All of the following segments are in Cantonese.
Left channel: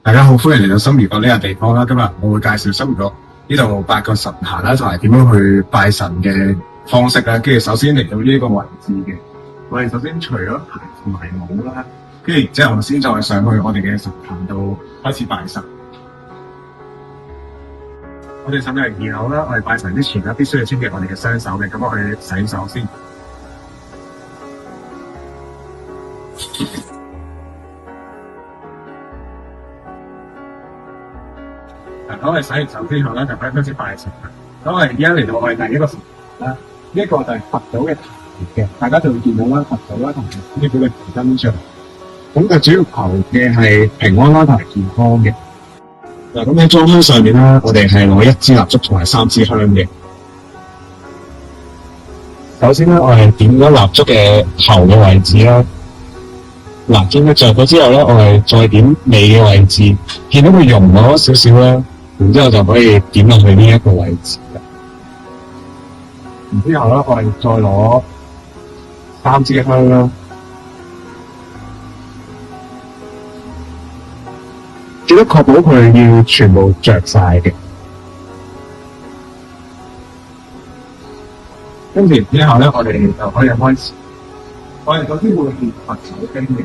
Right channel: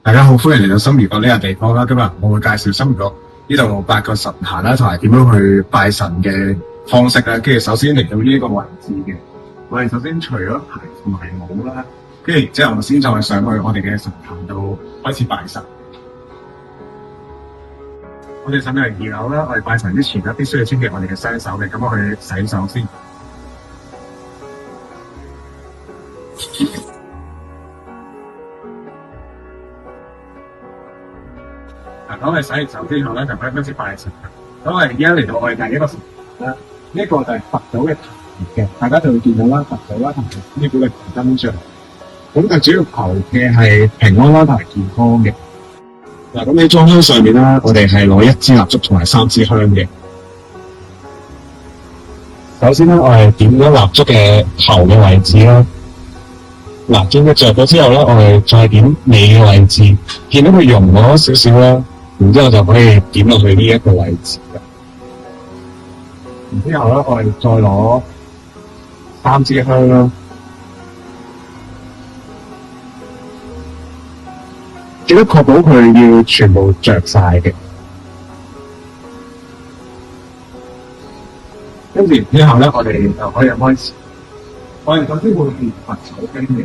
大家好，歡迎嚟到心如閣呢個地方啦。今日我會介紹心如閣呢度8個神壇啦，同埋點樣去拜神嘅方式啦。跟住首先嚟到呢一個位置嘅，我哋首先除咗牌同埋帽啦，跟住然之後先再上去我哋嘅神壇度開始拜神。我哋上到嚟2樓啦，我哋拜神之前咧必須要清潔我哋嘅雙手嘅，咁我去洗手先。咁我哋洗完手之後咧，就可以開始拜神。咁我哋而家嚟到我哋第一個神壇啦，呢一個就係佛祖嘅壇嘅，大家就會見到啦，佛祖啦同埋師傅嘅銅像。咁就主要求嘅係平安啦同埋健康嘅。嗱，咁喺裝香上面啦，我哋係攞1支蠟燭同埋3支香嘅。首先咧，我係點咗蠟燭嘅頭嘅位置啦。嗱，見佢着咗之後咧，我哋再點尾嘅位置，見到佢溶咗少少啦。然之後就可以點落去呢一個位置嘅。然之後咧，我哋再攞3支香啦，記得確保佢要全部着晒嘅。跟住之後咧，我哋就可以開始。我哋首先會念佛手經嘅。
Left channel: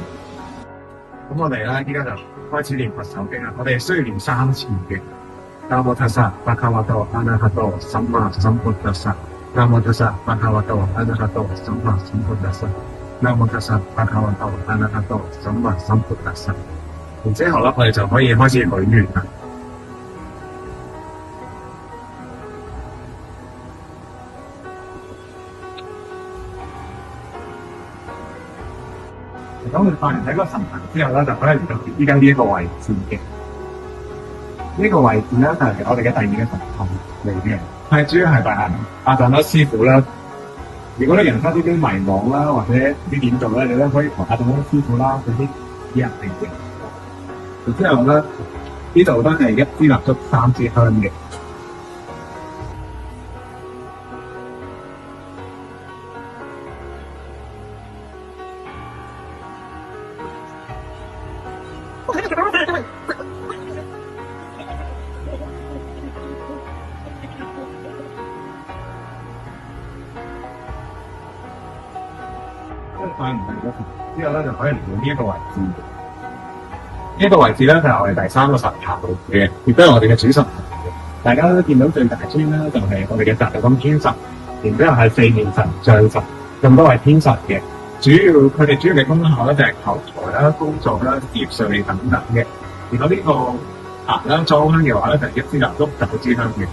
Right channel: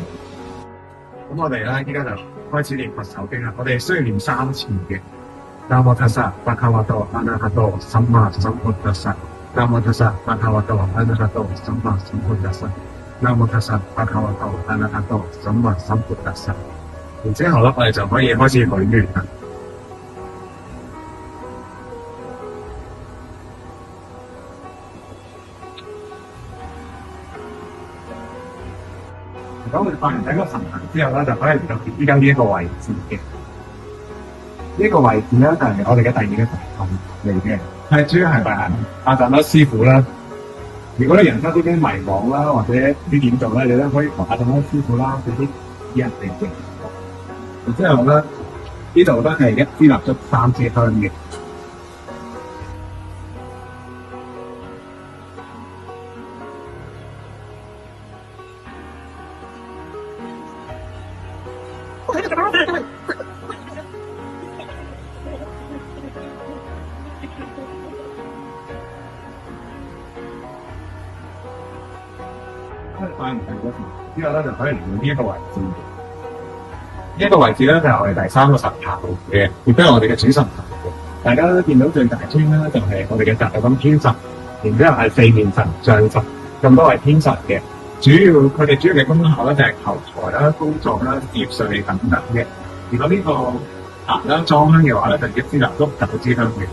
咁我哋咧依家就開始念佛手經啦。我哋需要念3次嘅。南無ทัสสะภะคะวะโตอะระหะโตสัมมาสัมพุทธัสสะนะโมตัสสะภะคะวะโตอะระหะโตสัมมาสัมพุทธัสสะนะโมตัสสะภะคะวะโตอะระหะโตสัมมาสัมพุทธัสสะ。然之後咧，我哋就可以開始許願啦。咁我哋拜完第一個神壇之後咧，就可以嚟到依家呢一個位置嘅。呢個位置咧就係我哋嘅第2個神壇嚟嘅，係主要係拜阿藏德師傅啦。如果你人生啲迷惘啦，或者啲點做咧，你都可以同阿藏德師傅啦嗰啲人哋嘅。然之後咧，呢度都係1支蠟燭3支香嘅。拜完之後咧，就可以嚟到呢一個位置嘅。呢一個位置咧就係我哋第3個神壇嚟嘅，亦都係我哋嘅主神壇嘅。大家都見到最大尊啦，就係我哋嘅大金尊神，然之後係4面神像神，咁多係天神嘅。佢哋主要嘅功效咧就係求財啦、工作啦、事業順利等等嘅。如果呢個壇咧裝香嘅話咧，就1支蠟燭9支香嘅。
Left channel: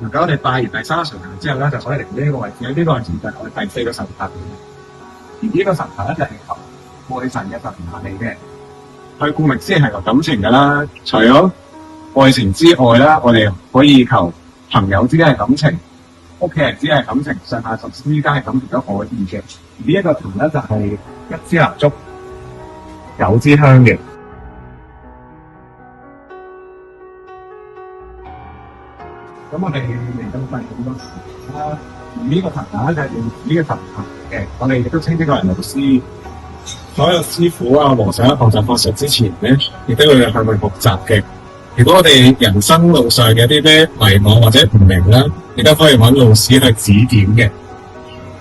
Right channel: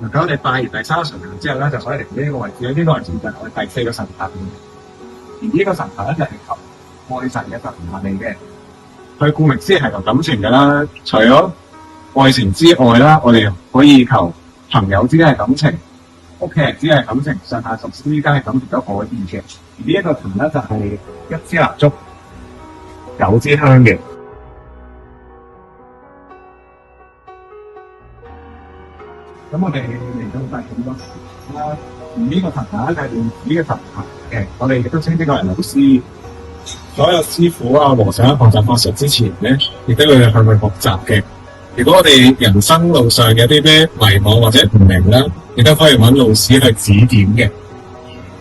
如果我哋拜完第3個神壇之後咧，就可以嚟呢個位置。呢個位置就係我哋第4個神壇。而呢個神壇咧就係求愛神嘅神壇嚟嘅。佢顧名思義係求感情嘅啦。除咗愛情之外啦，我哋可以求朋友之間嘅感情、屋企人之間嘅感情、上下屬之間嘅感情都可以嘅。而呢一個壇咧就係1支蠟燭9支香嘅。咁我哋嚟到第5個神壇啦，而呢個神壇咧就係呢個神壇嘅，我哋亦都稱之為老師。所有師傅啊、和尚學習法術之前咧，亦都要向佢學習嘅。如果我哋人生路上有啲咩迷惘或者唔明啦，亦都可以揾老師去指點嘅。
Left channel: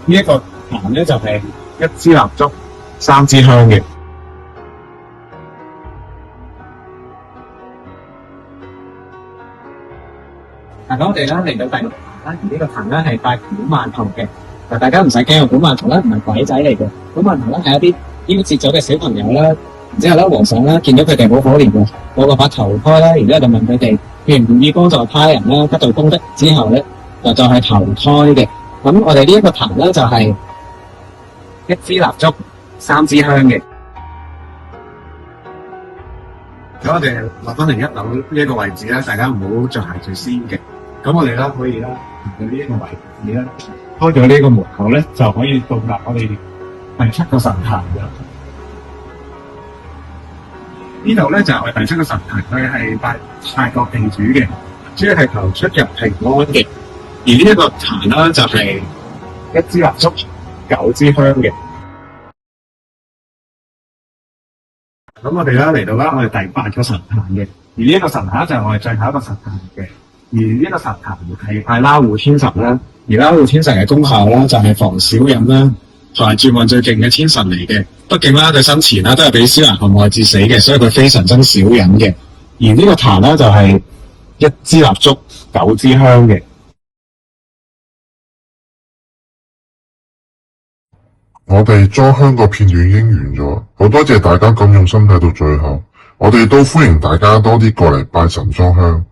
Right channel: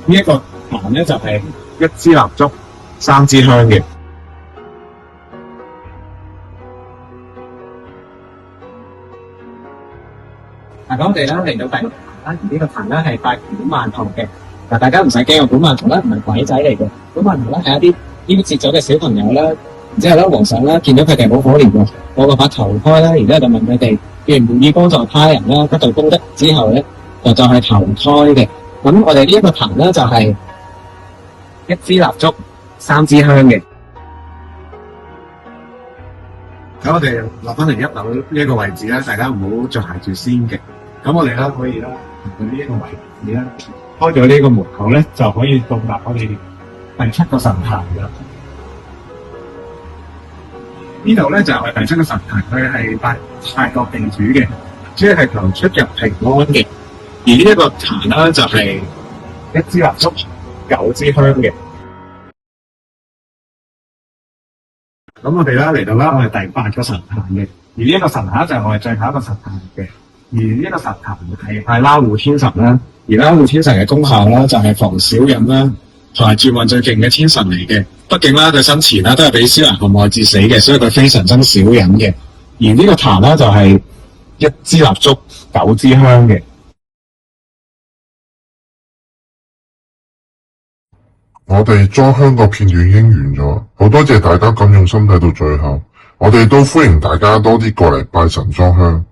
呢一個壇咧就係1支蠟燭3支香嘅。咁我哋咧嚟到第6個壇啦，而呢個壇咧係拜古曼童嘅。嗱，大家唔使驚，古曼童咧唔係鬼仔嚟嘅，古曼童咧係一啲夭折咗嘅小朋友啦。然之後咧，和尚咧見到佢哋好可憐喎，我就把投胎啦，然之後就問佢哋願唔願意幫助他人啦，得到功德之後咧，就係投胎嘅。咁我哋呢一個壇咧就係1支蠟燭3支香嘅。咁我哋落翻嚟1樓呢一個位置咧，大家唔好着鞋住先嘅。咁我哋咧可以咧行到呢一個位置咧，開咗呢個門口咧，就可以到達我哋第7個神壇嘅。呢度咧就係第7個神壇，佢係拜泰國地主嘅，即係求出入平安嘅。而呢一個壇啦，就係1支蠟燭、9支香嘅。咁我哋咧嚟到啦，我哋第8個神壇嘅，而呢一個神壇就係我哋最後一個神壇嘅。而呢個神壇係拜拉護天神啦，而拉護天神嘅功效咧就係防小人啦，同埋轉運最勁嘅天神嚟嘅。畢竟啦，佢生前啦都係俾蕭蘭紅愛致死嘅，所以佢非常憎小人嘅。而呢個壇咧就係1支蠟燭、9支香嘅。我哋裝香個片段已經完咗，好多謝大家咁用心睇到最後，我哋都歡迎大家多啲過嚟拜神裝香。